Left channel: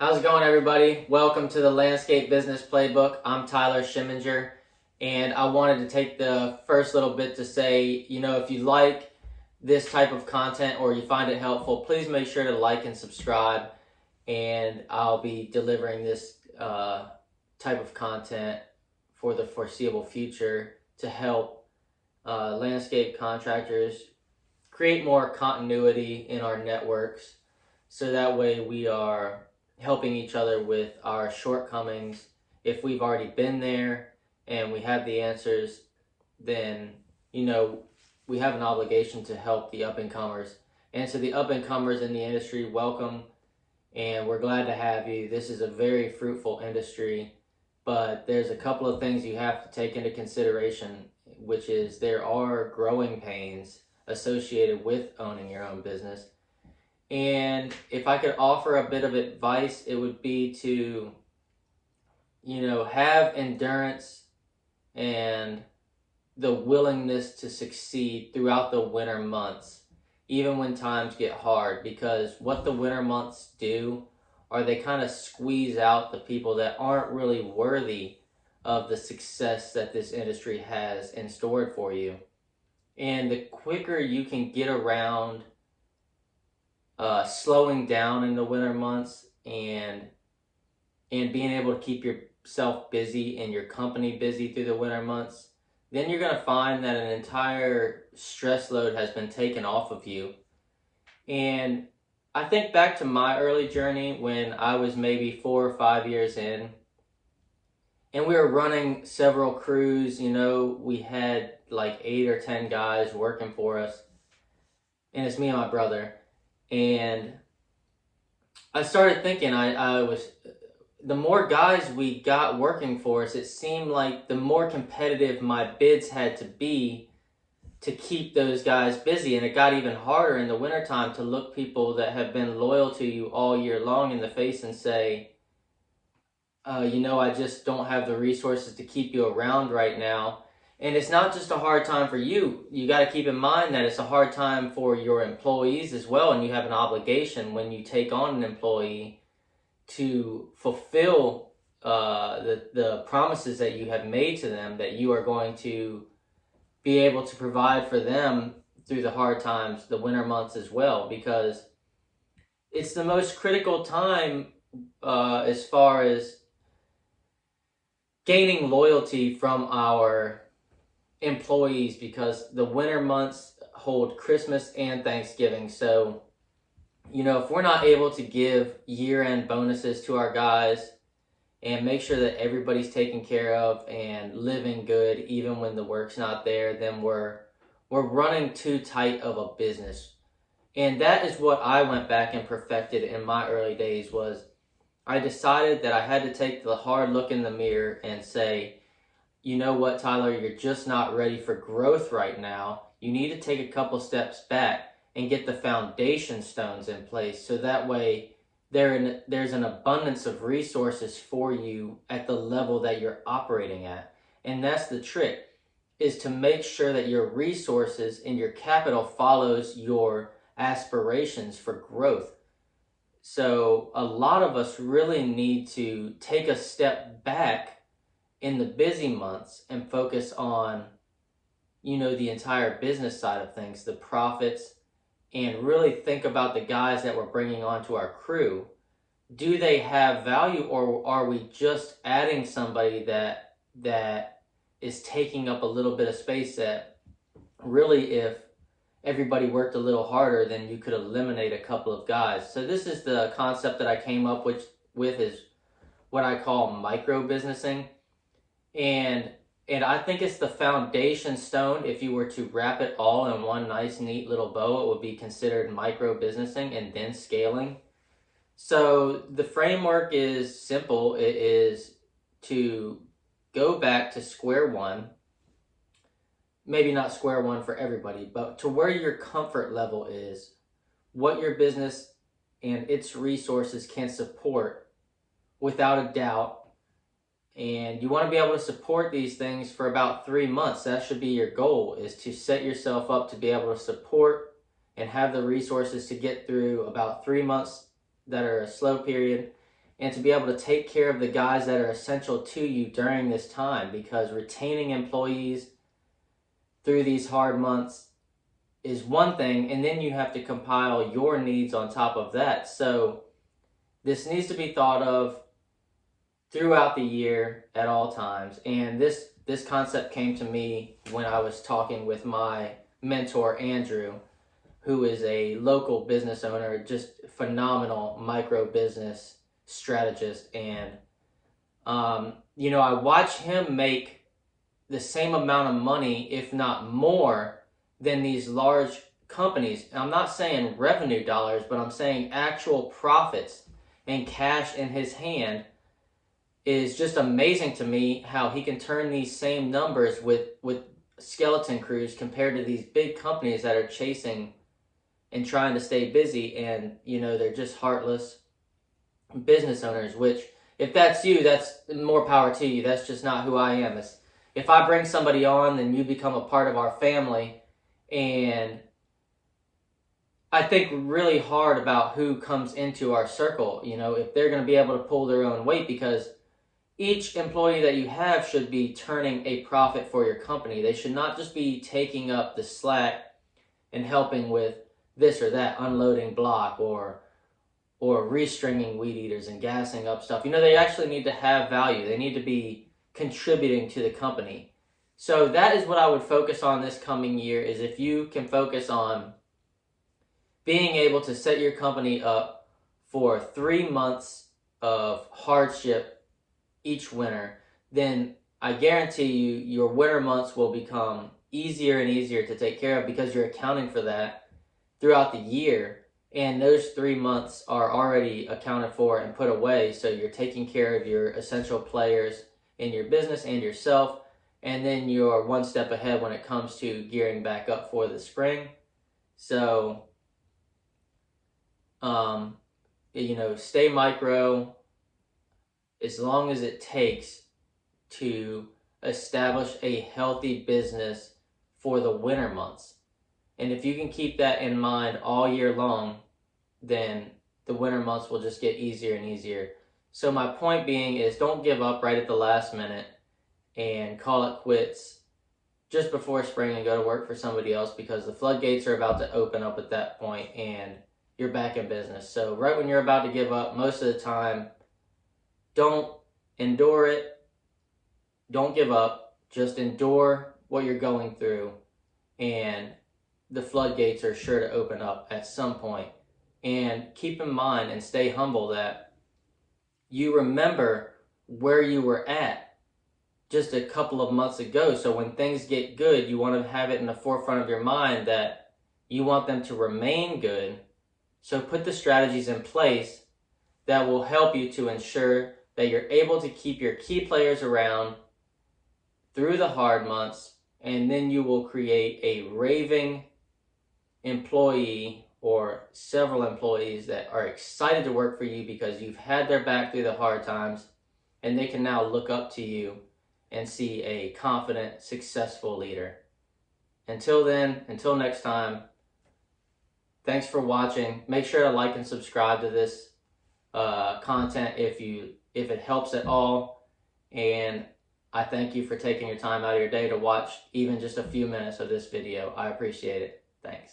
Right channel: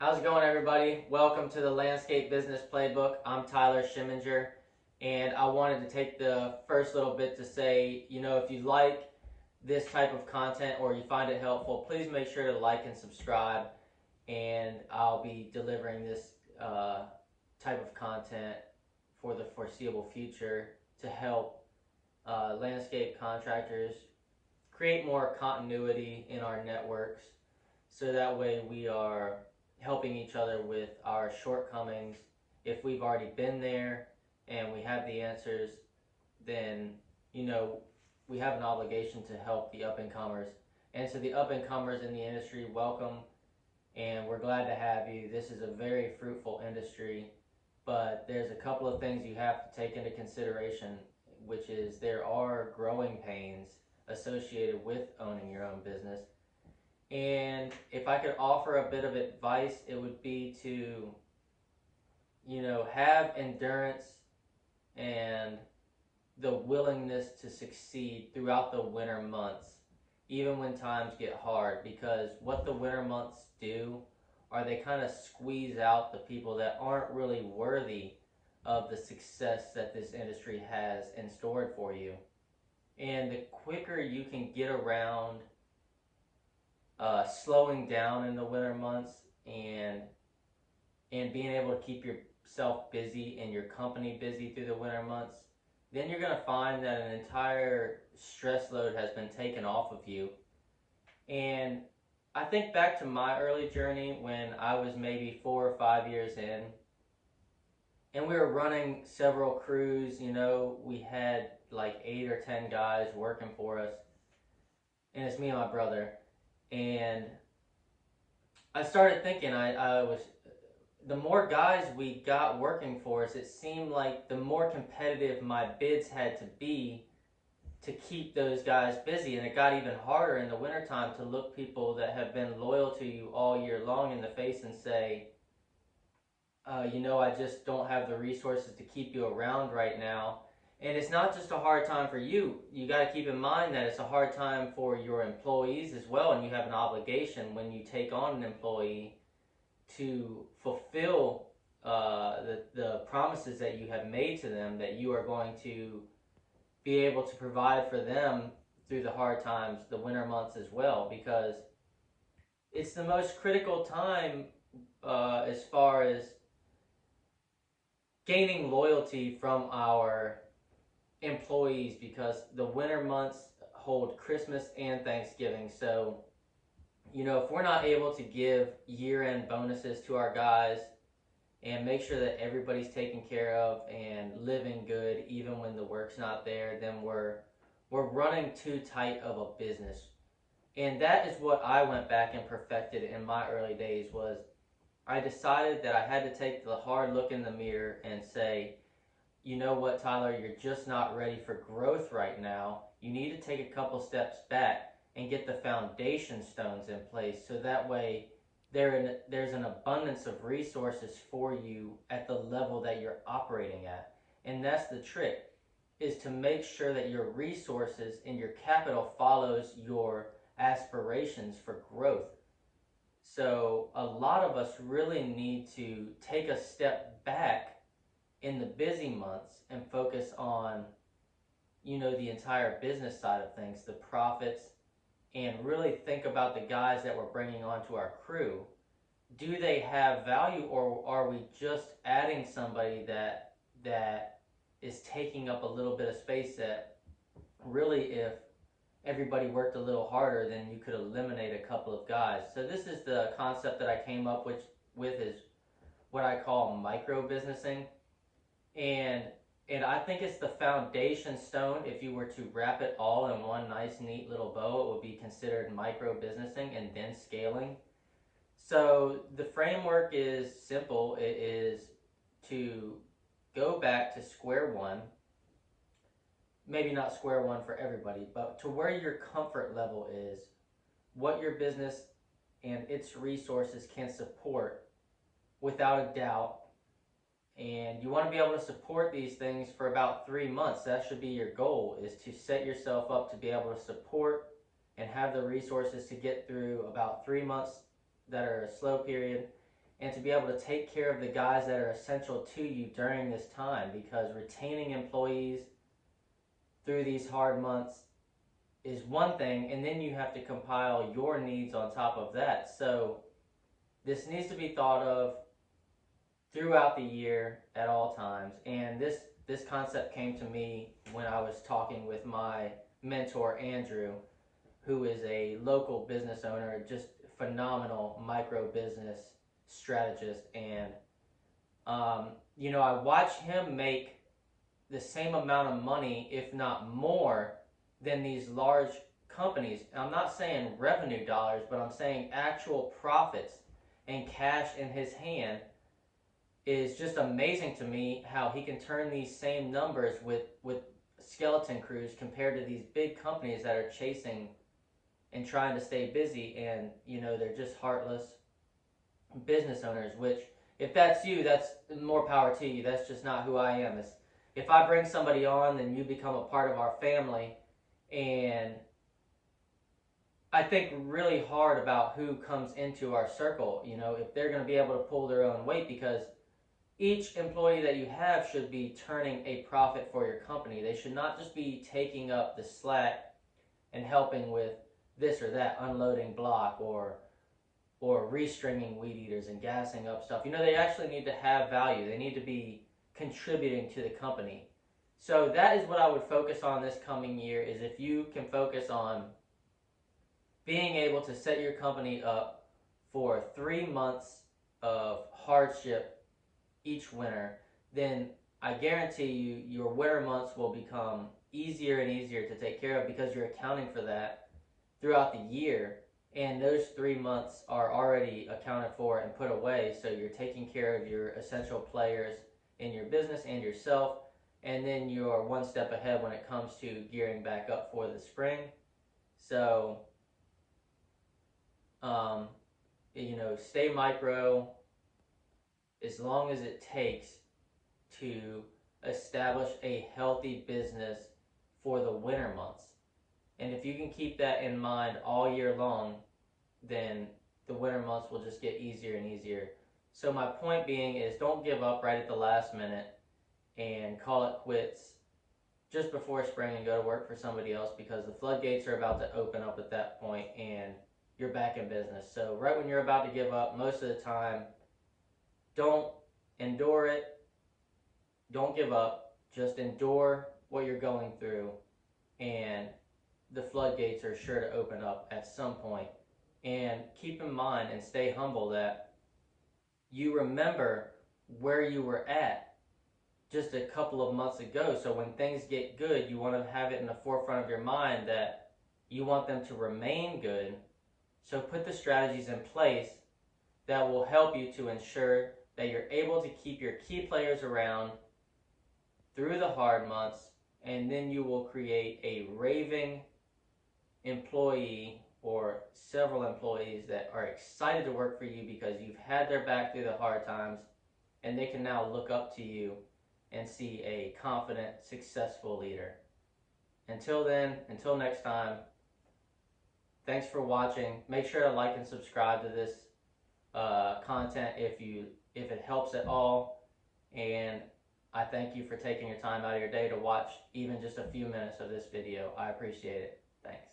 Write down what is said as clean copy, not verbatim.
How's it going, everybody? Welcome to the Landscape Business Playbook. I'm Tyler Schimminger, and I wanted to take the first little bit to say, if you like this type of content or you find it helpful, please make sure to like and subscribe, and I'll be delivering this type of content for the foreseeable future to help landscape contractors create more continuity in our networks so that way we are helping each other with our shortcomings. If we've already been there and we have the answers, then you know we have an obligation to help the up and comers. And to the up and comers in the industry, welcome, and we're glad to have you. This is a very fruitful industry, but there's a couple of things you have to take into consideration, which is there are growing pains associated with owning your own business. And if I could offer a bit of advice, it would be to, have endurance and the willingness to succeed throughout the winter months, even when times get hard, because what the winter months do are they kind of squeeze out the people that aren't really worthy of the success that this industry has in store for you. And the quicker you can get around slowing down in the winter months and being able to keep yourself busy and your company busy through the winter months, then you're going to find that an entire stress load has been taken off of you. And I think back to my early journey when I was maybe 4 or 5 years in, and we were running several crews. We had like 8 or 10 guys working for us, and it's me and my brother. And I started thinking, I was, the more guys we got working for us, it seemed like the more competitive my bids had to be to keep those guys busy. And it got even harder in the wintertime to look people that have been loyal to you all year long in the face and say, I just don't have the resources to keep you around right now. And it's not just a hard time for you. You got to keep in mind that it's a hard time for your employees as well. And you have an obligation when you take on an employee to fulfill the promises that you have made to them, that you are going to be able to provide for them through the hard times, the winter months as well, because it's the most critical time as far as gaining loyalty from our employees, because the winter months hold Christmas and Thanksgiving. So, if we're not able to give year-end bonuses to our guys and make sure that everybody's taken care of and living good even when the work's not there, then we're running too tight of a business. And that is what I went back and perfected in my early days. Was I decided that I had to take the hard look in the mirror and say, you know what, Tyler, you're just not ready for growth right now. You need to take a couple steps back and get the foundation stones in place, so that way there's an abundance of resources for you at the level that you're operating at. And that's the trick, is to make sure that your resources and your capital follows your aspirations for growth. So a lot of us really need to take a step back in the busy months and focus on, the entire business side of things, the profits, and really think about the guys that we're bringing onto our crew. Do they have value, or are we just adding somebody that is taking up a little bit of space that really, if everybody worked a little harder, then you could eliminate a couple of guys? So this is the concept that I came up with is what I call micro businessing. And I think it's the foundation stone. If you were to wrap it all in one nice, neat little bow, it would be considered micro businessing and then scaling. So the framework is simple. It is to go back to square one. Maybe not square one for everybody, but to where your comfort level is, what your business and its resources can support without a doubt. And you want to be able to support these things for about 3 months. That should be your goal, is to set yourself up to be able to support and have the resources to get through about 3 months that are a slow period. and to be able to take care of the guys that are essential to you during this time, because retaining employees through these hard months is one thing, and then you have to compile your needs on top of that. So this needs to be thought of throughout the year at all times. And this concept came to me when I was talking with my mentor Andrew, who is a local business owner, just phenomenal micro business strategist. And I watch him make the same amount of money, if not more, than these large companies. I'm not saying revenue dollars, but I'm saying actual profits and cash in his hand. Is just amazing to me how he can turn these same numbers with skeleton crews compared to these big companies that are chasing and trying to stay busy, and they're just heartless business owners. Which, if that's you, that's more power to you. That's just not who I am. If I bring somebody on, then you become a part of our family. And I think really hard about who comes into our circle, if they're going to be able to pull their own weight, because each employee that you have should be turning a profit for your company. They should not just be taking up the slack and helping with this or that, unloading block or restringing weed eaters and gassing up stuff. They actually need to have value. They need to be contributing to the company. So that is what I would focus on this coming year, is if you can focus on being able to set your company up for 3 months of hardship each winter, then I guarantee you your winter months will become easier and easier to take care of, because you're accounting for that throughout the year. And those 3 months are already accounted for and put away. So you're taking care of your essential players in your business and yourself. And then you're one step ahead when it comes to gearing back up for the spring. So, stay micro as long as it takes to establish a healthy business for the winter months. And if you can keep that in mind all year long, then the winter months will just get easier and easier. So my point being is, don't give up right at the last minute and call it quits just before spring and go to work for somebody else, because the floodgates are about to open up at that point and you're back in business. So right when you're about to give up, most of the time, don't endure it. Don't give up. Just endure what you're going through, and the floodgates are sure to open up at some point. And keep in mind and stay humble that you remember where you were at just a couple of months ago. So when things get good, you want to have it in the forefront of your mind that you want them to remain good. So put the strategies in place that will help you to ensure that you're able to keep your key players around through the hard months, and then you will create a raving employee or several employees that are excited to work for you because you've had their back through the hard times, and they can now look up to you and see a confident, successful leader. Until then, until next time, thanks for watching. Make sure to like and subscribe to this content if it helps at all. And I thank you for taking your time out of your day to watch even just a few minutes of this video. I appreciate it. Thanks.